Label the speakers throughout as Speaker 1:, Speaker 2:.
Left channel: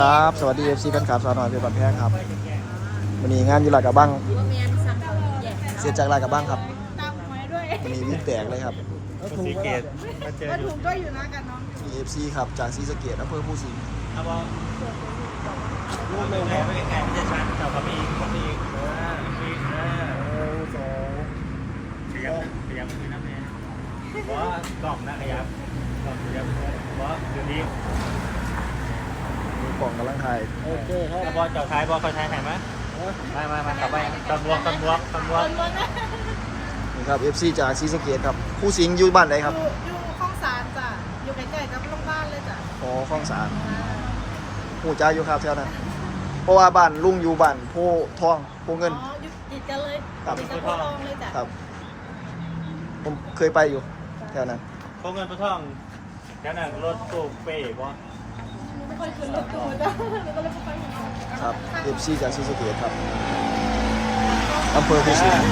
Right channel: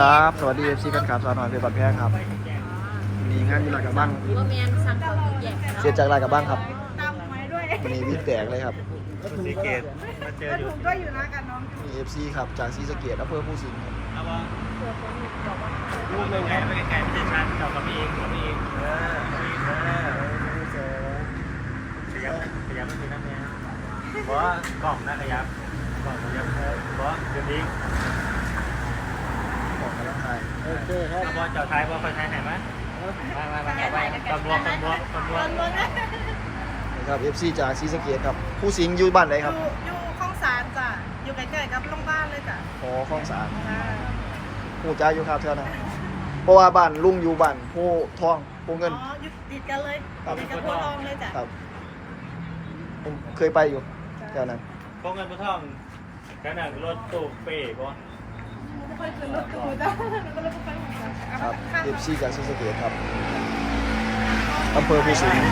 Speaker 1: ครับสวัสดีFCแฟนคลับสาวน้อยเพชรบัดแพงครับวันนี้งานอยู่ลาดกระบังเสียจากลาดกระบังครับวันนี้วิ่งแตกเลยครับ
Speaker 2: สีเกต
Speaker 3: ก็ถูกก็อยู่นะกับน้อง
Speaker 1: มี FC ครับจากศรีสะเกษอำเภอภูสิงห์ครับ
Speaker 2: เอาบอลรู้เลยไงไม่ใช่แก่ไม่ใช่ชั้นเอากระบี่เสียงที่นั่นเองเพราะบอกนะขยับบอกขยับเพราะเดี๋ยวนี้
Speaker 1: ของกำลังถ่าย
Speaker 2: โอเคครับบอลเจ้าชายบอลคนไทยไหนมั้ยตำรวจ
Speaker 1: นี่ครับ FC จากศรีสะเกษครับภูสิงห์อยู่บ้านไหนครับ
Speaker 3: อยู่ข้องสารจ้ะอยู่ใกล้ๆกับโรงพยาบาลเลยจ้ะ
Speaker 1: อ๋อคลองสาร
Speaker 3: จ้า
Speaker 1: หูจ้าอยู่ครับแถวนั้นเพราะว่าบ้านลุงอยู่บ้านโพทองโพเงิน
Speaker 3: อ๋ออยู่ติดกันเลยติดกับโพธิ์ทองเลยจ้ะ
Speaker 1: ครับผมเคยไปอยู่แถวนั้น
Speaker 2: พวกเงินพวกทองแล้วน่ะรถตู้เป้บอล
Speaker 3: ไม่ค่อยขึ้นรถตู้จ้ะก็เลยไม่ค่อยหุ่นจัง
Speaker 1: ครับ FC จากศรีสะเกษครับอำเภอภูสิงห์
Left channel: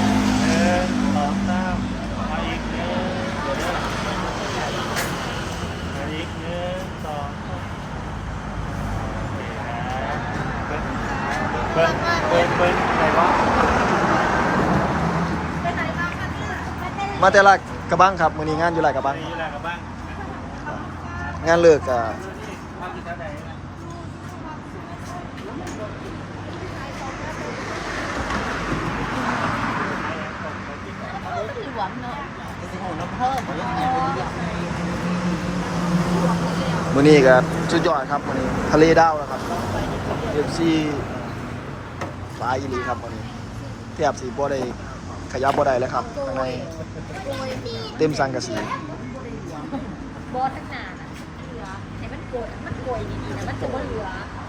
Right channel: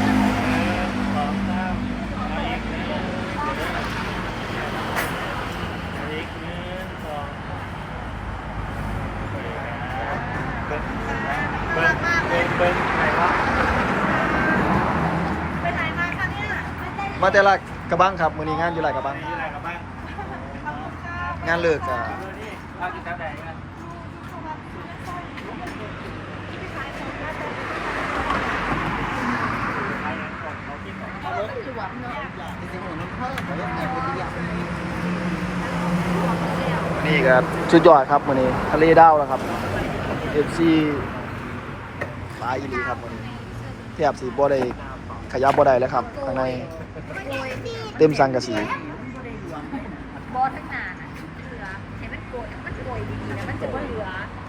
Speaker 3: ไปไหนมาคะเนี่ย
Speaker 1: มาแต่ลาดกระบังครับมื้อนี้งานอยู่ลาดกระบัง
Speaker 2: นี่แหละกับบ้าง
Speaker 1: งานเลิกอ่ะ
Speaker 2: ภาพที่เท่าไหร่นะ
Speaker 1: มื้อนี้ก็สุดยอดครับมื้อนี้ทะเลดาวแล้วครับ FC หลายอีหลีครับมื้อนี้แทบสิบ่ได้ขยับบ่ได้แล้วครับข้างในเต็มสังกะสี
Speaker 4: บอทั้งงานอ่ะเหลือเห็นมันโกยดีๆนะมันจะบ่เหลือ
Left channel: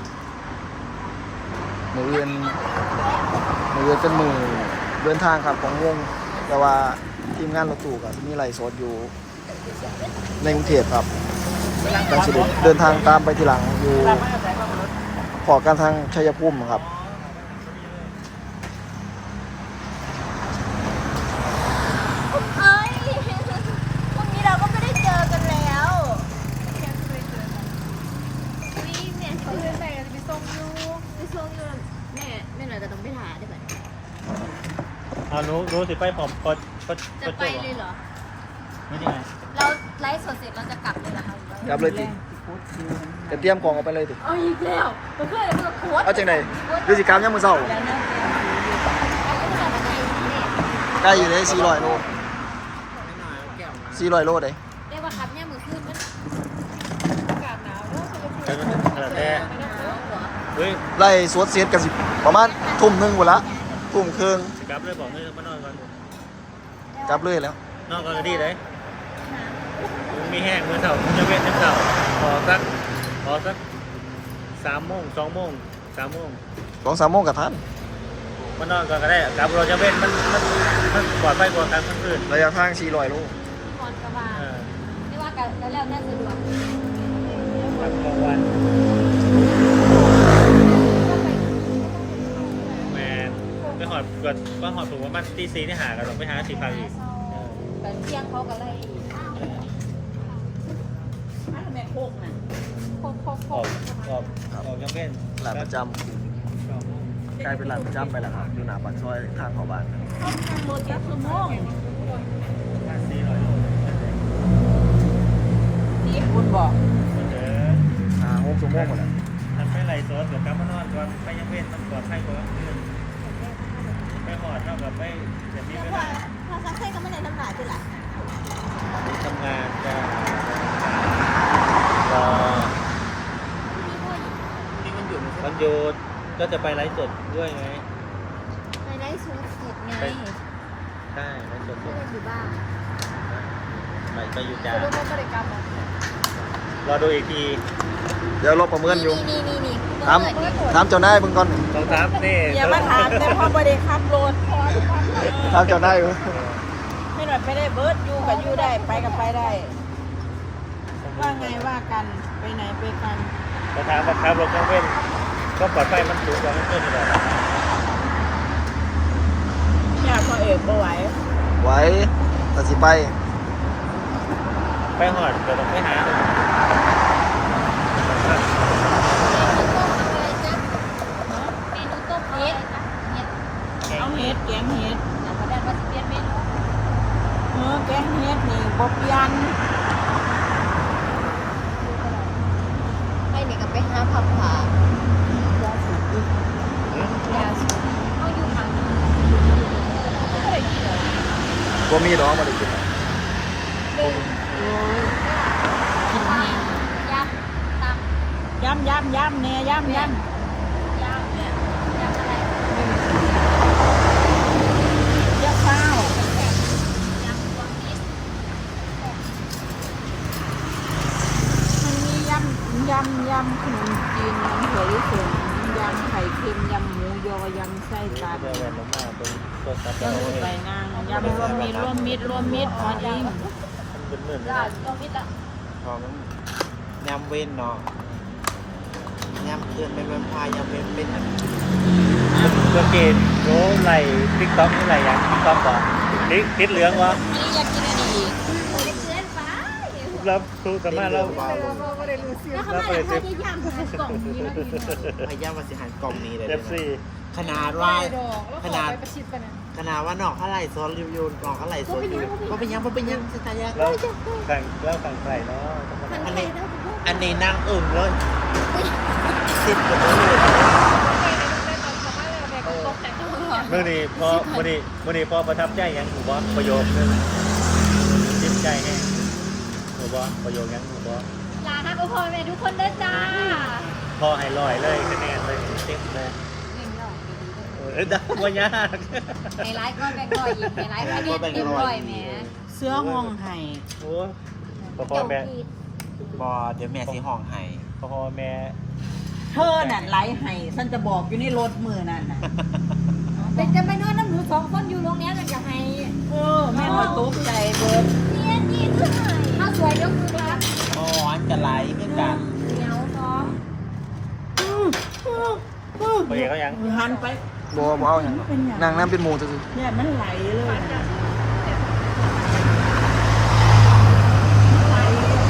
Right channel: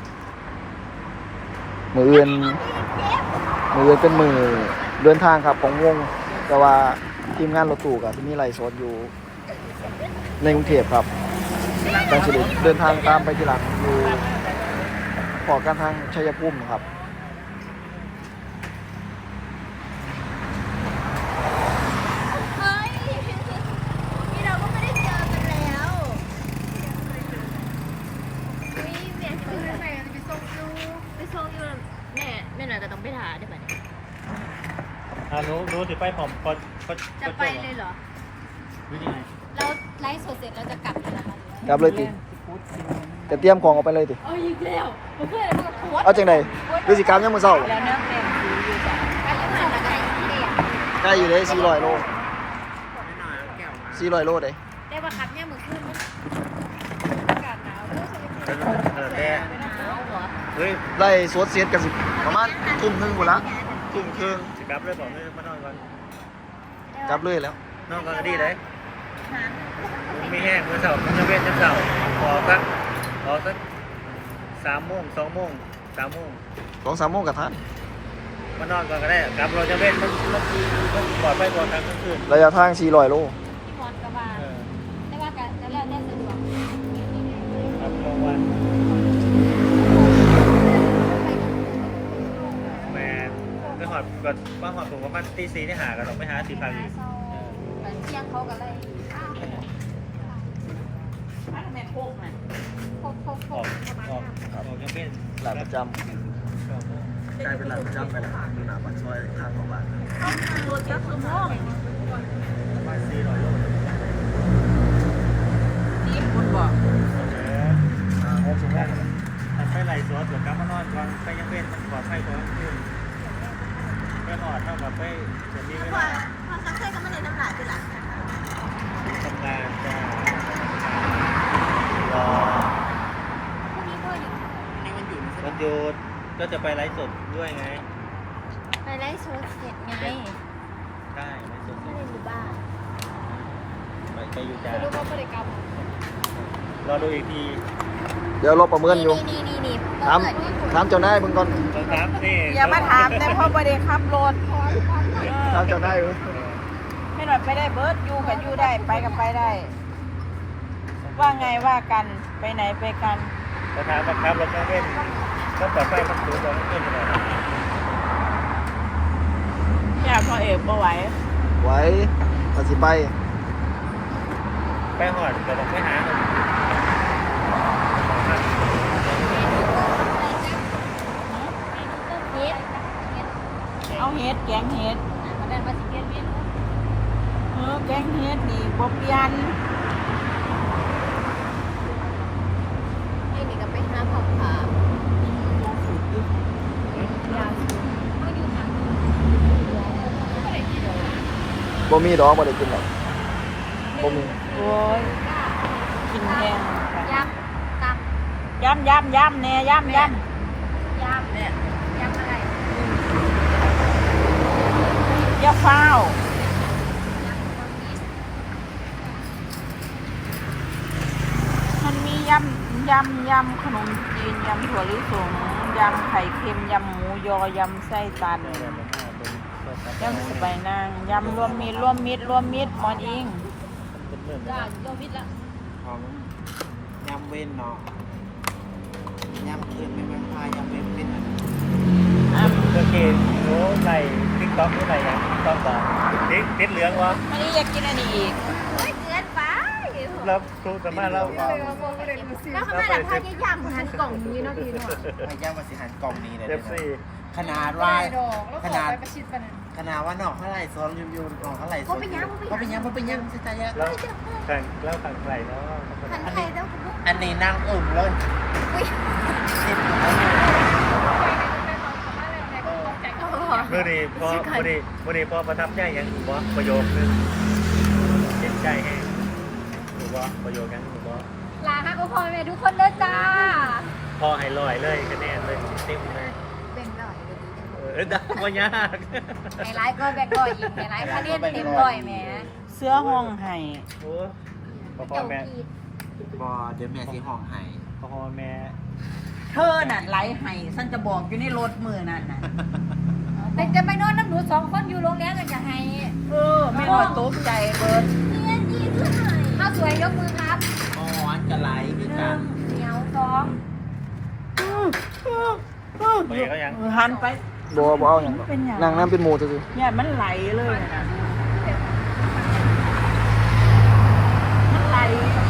Speaker 1: มื้ออื่นเป็นมื้อเดินทางครับของวงแต่ว่าทีมงานรถตู้ก็สิมีไลฟ์สดอยู่ในกรุงเทพครับดังสิได้เดินทางตามไปทีหลังอยู่พอกันทางชัยภูมิครับ
Speaker 4: เฮ้ยวันนี้เราก็ไม่ได้เจอกันแล้วนี่เนี่ยคือไปส่งยูแม่หน่อยก็ต้องไปหาได้ไหม
Speaker 2: รู้สิไปผอมก็
Speaker 4: จะไปเลยเหรอ
Speaker 2: นี่ไง
Speaker 4: เราไลฟ์สดเสร็จเราจะกลับเลยเหรอคะ
Speaker 1: กลับเลยติจะเตรียมของออกไปเลยติ
Speaker 4: เอาอีกแล้วเพื่อนๆมันก็โค้ด
Speaker 1: เอาจังได๋ฤาษีกรรมยามมื้อเช้า
Speaker 4: แล้วเริ่มเต็มทีอยู่ต่อไปยังไงล่ะกันเด็ด
Speaker 1: ใกล้อยู่เด้400 โล400 โลเด้
Speaker 4: ได้ป่ะครับเนี่ยมือขึ้นมัน
Speaker 2: แต่
Speaker 4: หนาวเหรอ
Speaker 2: เฮ้ย
Speaker 1: ไล่สวดเสียดกันสิประมาณทุ่มหนึงพุ่นละทุ่มครึ่ง
Speaker 2: สิกลับเลยบอกไม่นอกกัน
Speaker 1: กลับเลยแล้ว
Speaker 2: นอกกันดีเลยมีแห้งเมื่อเสาร์จะเว้นเสาร์พอสัก3 โมง 2 โมง 3 โมง
Speaker 1: 2-3 โมงก็ทัน
Speaker 2: มานอนก่อนก็ได้กลับเราจะเว้นมันปลอดภัยกว่าตามคืน
Speaker 1: ระยะทาง400 โล
Speaker 4: พอกระบาได้ว่ากันแล้วแต่สะดวก
Speaker 2: วันแม่ก็หอดถูกว่ามันตี4นี่หากันไปหา4 000อีก
Speaker 4: กันเที่ยงเขาก็ไล่ทำไมโคกมันโคก
Speaker 1: ครับ
Speaker 2: ยังเป็น
Speaker 1: ร้านประจำกลายเป็นร้านประจำไปแล้วครับอยู่หน้าปากซอยทางเข้าบ้านครับ
Speaker 3: นี่คุณบอก
Speaker 1: 6 ชั่วโมง
Speaker 2: ไม่ไหลซอสเหมือนกับมานอนก่อนไปยังเป็นก่อนไปก่อนไม่หอดต้องแบบไม่อย่างนี้ไม่
Speaker 3: พอสักเส้นก็ไม่ได้น้ำลายเป็นหลัก
Speaker 2: ทำงานจะ
Speaker 4: ที่พ่ออยู่
Speaker 2: วันหยุดก็จะไปไลฟ์สดด้วยนะ
Speaker 4: ไปไล่โซดเสร็จไง
Speaker 2: ใช่ไลฟ์สด
Speaker 4: ก็เลยอยู่บ้าน
Speaker 2: ไปอยู่จ้า
Speaker 4: รู้ว่าบริกรรม
Speaker 2: รอดูอีกที
Speaker 1: เดี๋ยวรอประเมินอยู่
Speaker 4: นี่
Speaker 1: ถามเจ้านายเบิ่งก่อนนี่
Speaker 2: ต้องครับนี่
Speaker 3: อย่ามาถามแต่พ่อบริขับรถ
Speaker 1: ถามเจ้านายเบิ่ง
Speaker 3: ไม่หน่อยไปได้เบิร์ดอยู่กับอยู่ได้ไปกับไปได้ ว่าไงว่ากันไปไหนไปกัน
Speaker 2: ประธานบังคับรถต้องเว้นก็ปลอดภัยมันสูงกว่าเพื่อนนี่แหละ
Speaker 3: อยากมาเอกมาไหว
Speaker 1: ไหวถ้าสิไป
Speaker 2: ไปหอดเดี๋ยวต้องไปหา
Speaker 3: เฮ็ดนี่บ่เปลี่ยน
Speaker 4: ไอ้นี่ก็ไปหาผักผาย
Speaker 3: าสูบอยู่
Speaker 4: ยาสูบเอาอยู่หมัง
Speaker 1: บ่มีดอกบ่ได้กินหรอก
Speaker 3: โอ้ยกินแห้ง
Speaker 4: ยำตำ
Speaker 3: ย่ำเนี่ยย่ำ
Speaker 4: ยำเนี่ยยำอะไร
Speaker 3: เจ้าข้าวย
Speaker 4: ำรวมมิตร
Speaker 3: มันมียำขนมจีนยำถั่วลิสงยำไข่เค็มยำหมูยอยำไส้ตัน
Speaker 2: ได้เลยมาม่าตรงต้นตะ
Speaker 3: ยำใบนางยำรวมมิตรหมอนอิง
Speaker 2: เป็นหมื่น
Speaker 4: จ้าตัวมิตรละ
Speaker 2: ของ
Speaker 5: ยำเว้นเนาะยำเกินเป็นวันพายยำเว้นเป็นอัน
Speaker 2: เมื่อกี้โอ้ไหลติ๊กต๊อกอะไรอย่างติ๊กต๊อกต่อติดเหลืองวะ
Speaker 3: อันนี้อยากกินอันนี้
Speaker 4: โอ้ยเกินไป
Speaker 2: เราสู้สามารถเรา
Speaker 4: แล้วเขามาหลังคาจะยำหันกล่องนี้เนาะพี่เนาะ
Speaker 5: พายยำมาสิหารกล่องนี้เลย
Speaker 2: เอ
Speaker 5: นะ
Speaker 2: ฟซี
Speaker 5: ขนาดว่าขนาดว่าหนอกเท่าไหร่โซนรีวิวหนอกเท่าไหร่โซนรีวิวว่าเป็นยังสุดท้าย
Speaker 2: แล้วต่างใส่เนาะ
Speaker 4: หันไข่เต้าหู้
Speaker 5: อันนี้นั่งอุ่มเลยติดกับรถเลย
Speaker 2: มื่อนี้พอประทับใจยังถูกบ่ประโยคนึงจิ้มใจแห้งถูกบ่ประโยคยังถูกบ่
Speaker 4: ลาให้พ่อแม่ทุกคนเด้อจ้า
Speaker 2: พอให้ลอยเลยคะแนนเลยติ๊กเลย
Speaker 4: เบ่งหน่อยเดี๋ยวดี
Speaker 2: ได้บ่ยาก
Speaker 4: ไฮไลท์ก็แบ่งหน่อยอีกไฮไลท์คะแนนเต็มร้อยแหม
Speaker 3: เสื้อห้องไห้
Speaker 2: โอ้พอ
Speaker 4: จบ
Speaker 2: แม่
Speaker 4: อีก
Speaker 5: บอเดี๋ยวแม่สีห้องให้
Speaker 2: พอแม่
Speaker 3: เธอน่ะไหลไห้ฉันจะบอกอยู่ในรถมือนั่นน่ะ
Speaker 4: เป็นจะไปนอนน้ำหนู2 คนอยู่โรงแรมกันจะให้
Speaker 3: ไม่น้อยตกใจเบิด
Speaker 4: เนี่ยนี่คือข้าวสวยยกมือครับ
Speaker 5: อ๋ออันกระไหลด้วยกัน
Speaker 4: เหนียวสอง
Speaker 2: ไปเขายัง
Speaker 3: หันไป
Speaker 1: บ่เอาหยังดอกนั่งน้ำเป็นหมู่ซื่อ
Speaker 3: เนี่ยมันไหลเลยนะมันไหล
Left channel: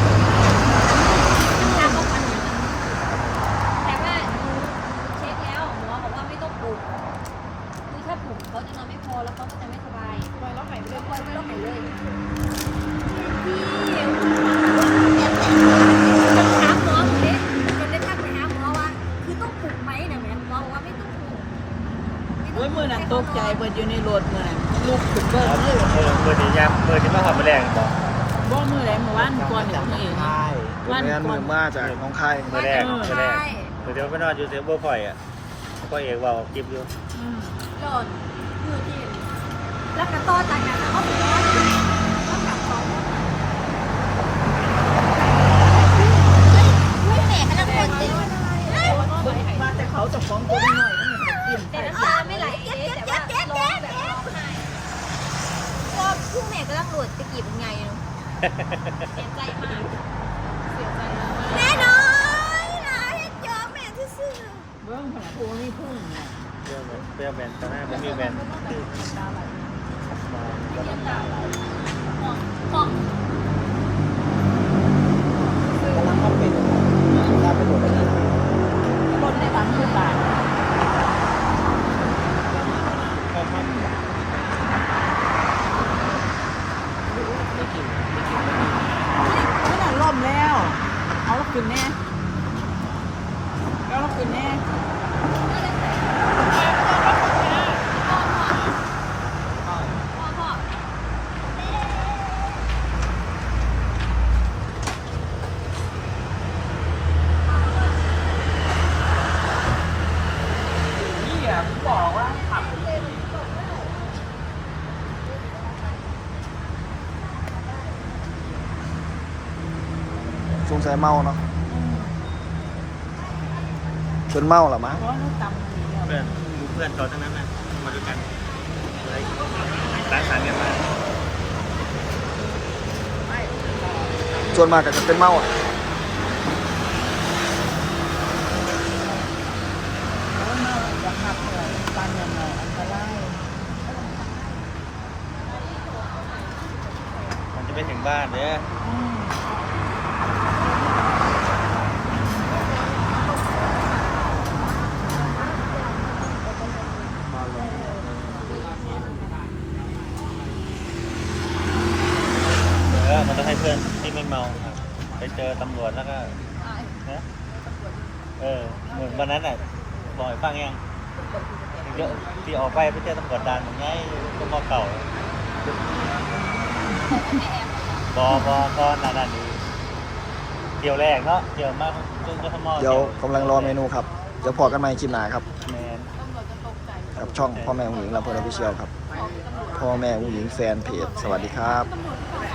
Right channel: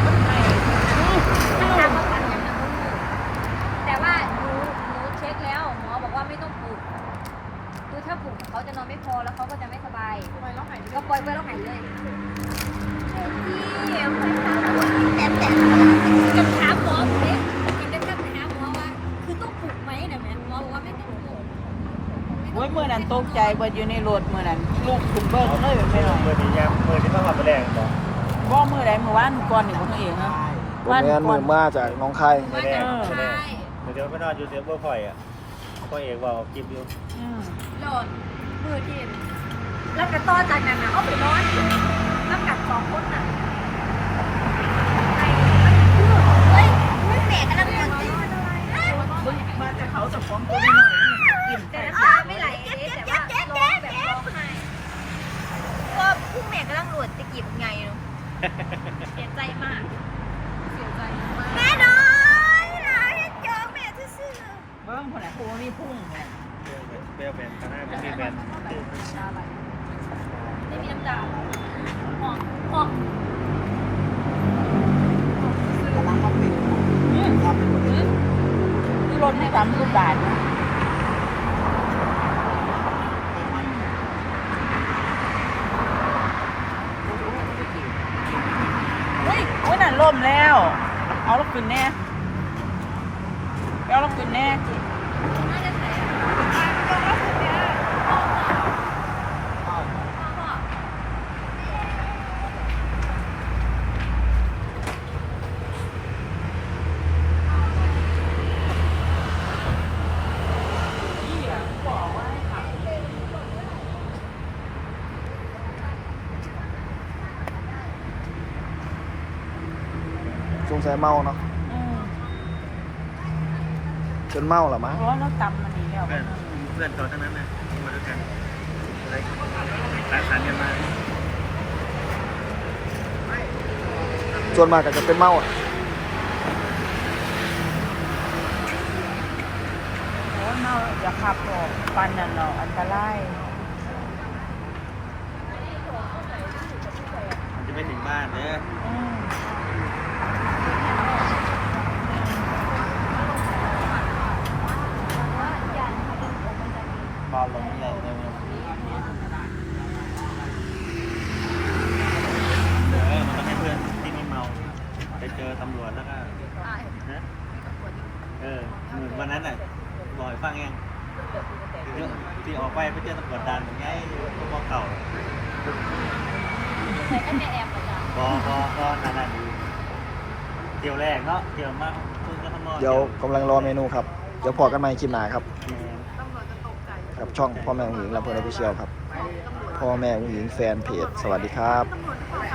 Speaker 4: มันทำมาปันอย่างนั้นแต่ว่าหนูเช็คแล้วหมอบอกว่าไม่ต้องปลุกคือถ้าปลุกเขาจะนอนไม่พอแล้วเขาก็จะไม่สบายปล่อยแล้วหายก็ปล่อยไปแล้วหายเลยเดี๋ยวแต่ต้องถามหมอเด็กจนได้ทักไปหาหมอว่า คือต้องปลุกไหมเนี่ยแม่หมอบอกว่าไม่ต้องปลุก
Speaker 3: โอ้ยมือนั้นตกใจเบิดอยู่ในรถมือนั้นลูกขึ้นเบิ้งเลยอยู่ในรถ
Speaker 2: เปิดที่ยามเปิดที่มาทำมาแรง
Speaker 3: บ่มือไหนมือวันก่อนอยู่คนเอง
Speaker 5: ใช่
Speaker 1: ๆบ่แม่นมือมาจากหน้องคาย
Speaker 2: มาแรงเดี๋ยวไปนอนอยู่เซฟเบอร์ข่อยอ่ะก็เอกว่ากิบอยู่
Speaker 4: หล่นมือที่แล้วก็ต่อจากนั้นเขาไปนอนทั้งกับ2 คนน่ะเฮ้ยแม่กำลังปวดตื่น
Speaker 3: มาแต่เขาจะฟ้องตัวน้อยๆมันกินไป
Speaker 4: แต่น้ำตาไม่ไหลแต่ว่าร้องแบบร้องไห้ว่าพุ่งแม่กำลังหลุดตะกี้เป็นไงเสียใจมากแม่น้อยนะเจอแม่ซื่อ
Speaker 3: เบิ้งคนไหนพูนี่พุ่งเนี่ย
Speaker 2: เปรี้ยวแบนตอนแรกไม่มีแบน
Speaker 4: ไม่มีน้ำตาห้อง
Speaker 5: กำลังก็เป็นเราไปอยู่ไปนี่
Speaker 3: รถปั๊มทุกบาทเฮ้ยนั่นล่มแล้ว เอาแล้วขึ้นแน่เอาแล้วขึ้นแน่
Speaker 4: น่าจะใส่พ่อ
Speaker 3: นี่อ่ะบอกว่าขับ
Speaker 1: สงสัยเมาเนาะจนเมาล่ะมั้ง
Speaker 3: เพราะเราตำมันนี่แล้ว
Speaker 2: เพื่อนอยู่เพื่อนเขาเท่านั้นนะมาด้วยกันอะไรร้านอาหารเนี่ยมา
Speaker 1: ส่วนมากก็จะเป็นเมาอ่ะ
Speaker 3: เพราะว่าเมาจะขับรถปันนั่นเนาะอันตราย
Speaker 2: มันจะไม่ถึงบ้านเด้อ
Speaker 3: อืม
Speaker 5: บอลลงแหละ
Speaker 2: เพื่อนที่ไม่เมาครับไปเจอตำรวจแล้วก็ฮะเหมือนวันนั้นอ่ะบอกให้ฟังยังที่ออกไปเจอตำรวจด่านอย่างไงก็มอเก่าก็นานๆเที่ยวแรกเนาะเที่ยวมากซึ่งก็ทำมอ
Speaker 1: เดี๋ยวกำลังรอเมนูครับเดี๋ยวพอกันใหม่คลิปหน้าครับ
Speaker 2: แมน
Speaker 1: กับช่องพ่อแม่องหญิงลำเพลินออฟฟิเชียลครับพ่อแม่องหญิงแฟนเพจสวัสดีครับ
Speaker 4: ตำรวจที่บอก